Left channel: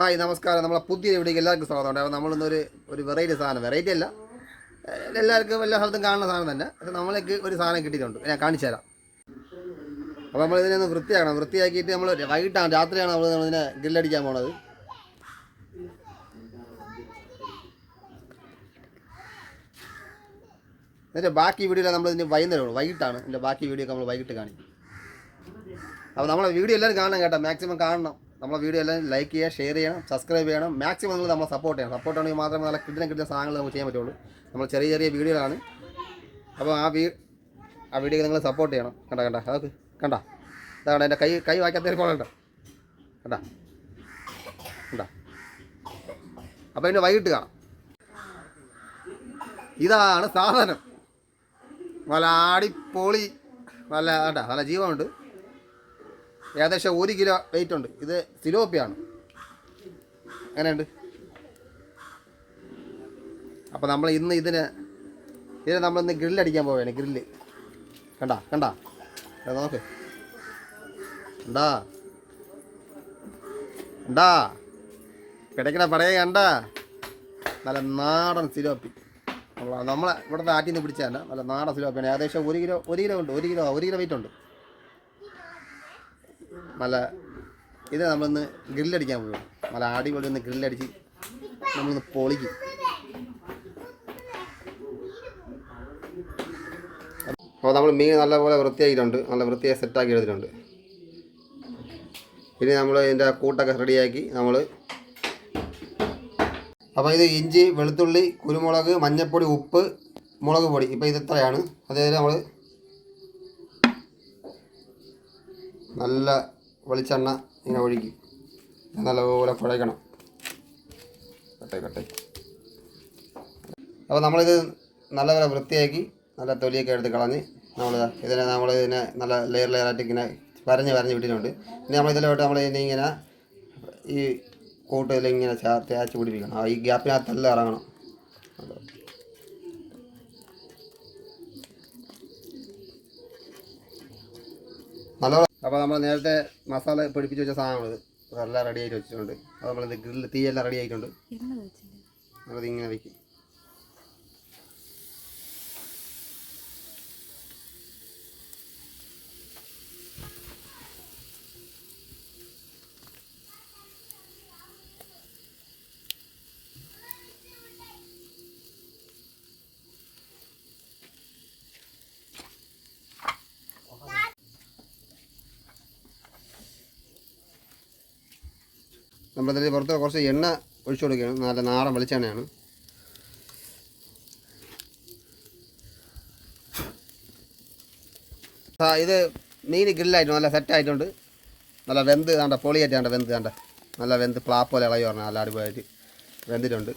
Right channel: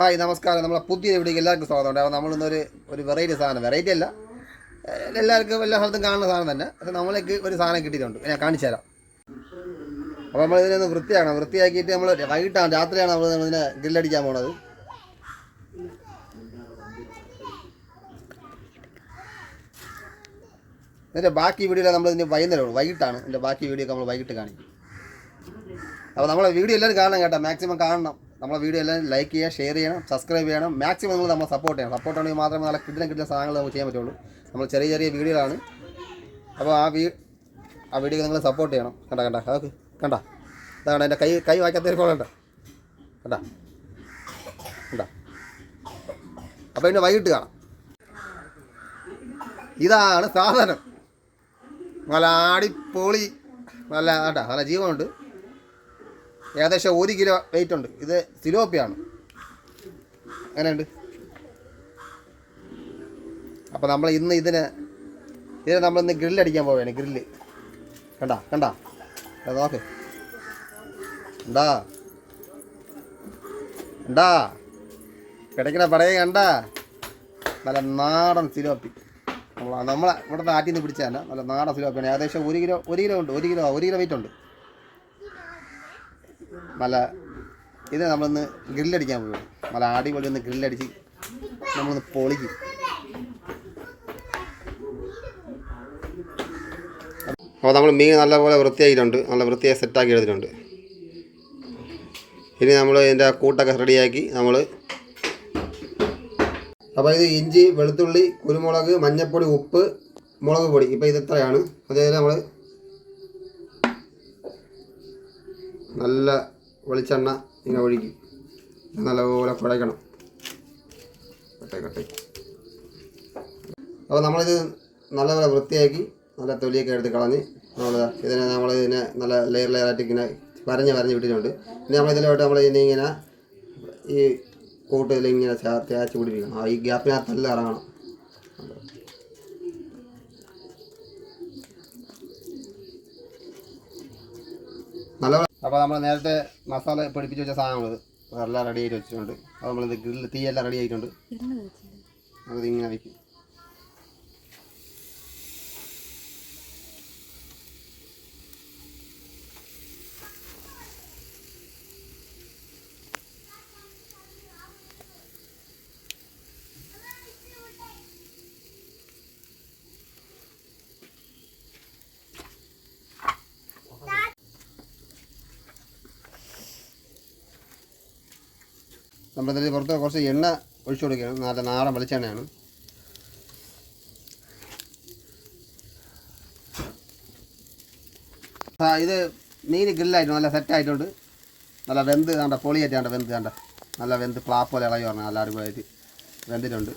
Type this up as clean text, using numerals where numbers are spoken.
Hi നമസ്കാരം. നമ്മളെ പുതിയ വീഡിയോക്ക് എല്ലാവർക്കും സ്വാഗതം. അപ്പോൾ നമ്മളിന്നൊരു വെറൈറ്റി സാധനം, വെറൈറ്റി അല്ല, എല്ലാവർക്കും എല്ലാ സ്ഥലത്തും കാണുന്ന സാധനം തന്നെ. പക്ഷേ നമ്മളേക്ക് ഒരു സാധനം കിട്ടിയിട്ടുണ്ട്, ഞാൻ കാണിച്ചു തരാം. അപ്പോൾ നമ്മളിതിനൊന്ന് വൃത്തിയാക്കിയിട്ട് നമ്മൾ വൈകിട്ടാണ്, രാത്രിയാണ് നമ്മളിതിനെ ഗ്രില്ലടിക്കാൻ പോണത്. എന്നിട്ട് ബാക്കി വീഡിയോ നമ്മളിതിന് വൈകിട്ടാണ് എൻ്റെ ബാക്കി വീഡിയോ ഒക്കെ നമ്മൾ വൈകിട്ട് കാണിക്കും. അപ്പോൾ നമ്മളെ വീഡിയോ എല്ലാവരും കാണണം കേട്ടോ, മാക്സിമം കാണണം. നമ്മളെ വീഡിയോ എല്ലാം ലൈക്ക് ചെയ്യുക, ഷെയർ ചെയ്യണം, സബ്സ്ക്രൈബ് ചെയ്യണം. മാക്സിമം നിങ്ങൾ നമ്മളെ സപ്പോർട്ട് ചെയ്യണം. സപ്പോർട്ട് ആണെങ്കിൽ മാത്രമേ നല്ല കിട്ടുന്ന സാധനങ്ങൾ നമുക്ക് ചെയ്യാൻ പറ്റുള്ളൂ. നമ്മൾ ചെറിയ വീഡിയോകളാണ്. അപ്പോൾ ആ വീഡിയോ നിങ്ങൾ സപ്പോർട്ട് ചെയ്യണം. അതൊക്കെ അതാണ് എൻ്റെ കൈ വായിക്കാത്ത പോകണ്ട കണ്ട. അപ്പോൾ ഇതിൻ്റെ വൈകിട്ട് കാണാം. ഇതാണ് സാധനം. നല്ല അടിപൊളി, നല്ല ജീവനുണ്ട്. ഏകദേശം 1 കിലോ വെയിറ്റ് ഉണ്ട്. ഇത് സിലോപ്പിയാണ്. അങ്ങനെയുണ്ട്. അപ്പോൾ നമ്മൾ ഇതിനെ നമ്മളിന്ന് ഗ്രില്ലടിക്കാൻ പോവുകയാണ്. ഗ്രില്ല് കണ്ട നോക്ക്. കിടക്കണ പടയെ നല്ല നാടൻ സിലോപ്പി. നമ്മളെ ഇവിടുത്തെ ആറ്റിൽ നിന്ന് പിടിച്ചാൽ നല്ല നാടൻ സിലോപ്പിയാണ്. ഏകദേശം 1 കിലോ ഉണ്ട്. 1 കിലോ വെയിറ്റ് ഉണ്ട്. നല്ല ഇത് നമ്മളൊന്ന് ഗ്രില്ലടിക്കാൻ പോവുകയാണ്. നല്ല അടിപൊളി ഒന്ന് ഗ്രില്ലടിച്ച് നമ്മളൊന്ന് പൊളിക്കും. അപ്പോൾ നമ്മൾ മീൻ നല്ലപോലെ വൃത്തിയാക്കിയിട്ടുണ്ട്. നല്ല വൃത്തിയായി സെറ്റാക്കി എടുത്തിട്ടുണ്ട്. ഇനി നമ്മൾ ഇതിൻ്റെ കൂട്ടൊക്കെ റെഡിയാക്കി അപ്പോൾ ഇത് ഇഞ്ചി, വെളുത്തുള്ളി, കുരുമുളക്, മഞ്ഞൾപ്പൊടി, ഉപ്പ്, മുളക് പൊടി. ഇപ്പോൾ ഇത് ഇത്രയാണ്. അതേപോലെ നമ്മൾ നല്ല വെളിച്ചെണ്ണ ഇങ്ങനെ ഒഴുകി നല്ലപോലെ കുഴയ്ക്കണം. അപ്പോൾ നമ്മളിത് നല്ലപോലെ വൃത്തിയാക്കി നല്ല തൊലിയൊക്കെ എടുത്ത് കളഞ്ഞ് നമ്മളിതിനെ നല്ല ലെയറായിട്ട് ഇങ്ങനെ വരഞ്ഞ് വിട്ടിട്ടുണ്ട്. ഇനി നമ്മളിതിലോട്ട് ഇങ്ങനെ ഈ കൂട്ടിലിങ്ങനെ തേച്ച് പിടിപ്പിക്കണം. ഈ ഗ്യാപ്പിനകത്തെല്ലാം ഇറങ്ങണം. നല്ലപോലെ. അപ്പോൾ നമ്മൾ നേരത്തെ മസാല പിടിപ്പിച്ച് വെച്ച സാധനങ്ങൾ അതെല്ലാം റെഡി ആയിട്ട് വെച്ചിട്ടുണ്ട്. അത് നമ്മളിത് ഗ്രില്ല് തീയെല്ലാം റെഡി ആയിട്ടുണ്ട്. നമുക്കിങ്ങനെ വയ്ക്കും. നമ്മളിതിൽ പുറത്ത് കുറച്ച് എണ്ണ ഒഴിച്ചു കൊടുക്കുകയാണ്. നല്ല നാടൻ വെളിച്ചെണ്ണയാണ്. ഇത് മീൻ ഗ്രില്ലായിട്ടുണ്ട്. നല്ല സെറ്റായിട്ടുണ്ട്. നല്ല വെന്ത് പൊളിയായിട്ടാണ് നല്ല വെന്ത് പ്ലാപ്പ് പോലെ ഇളകി പറഞ്ഞാൽ നല്ല അടിപൊളിയായിട്ട് വെന്തിട്ടുണ്ട്.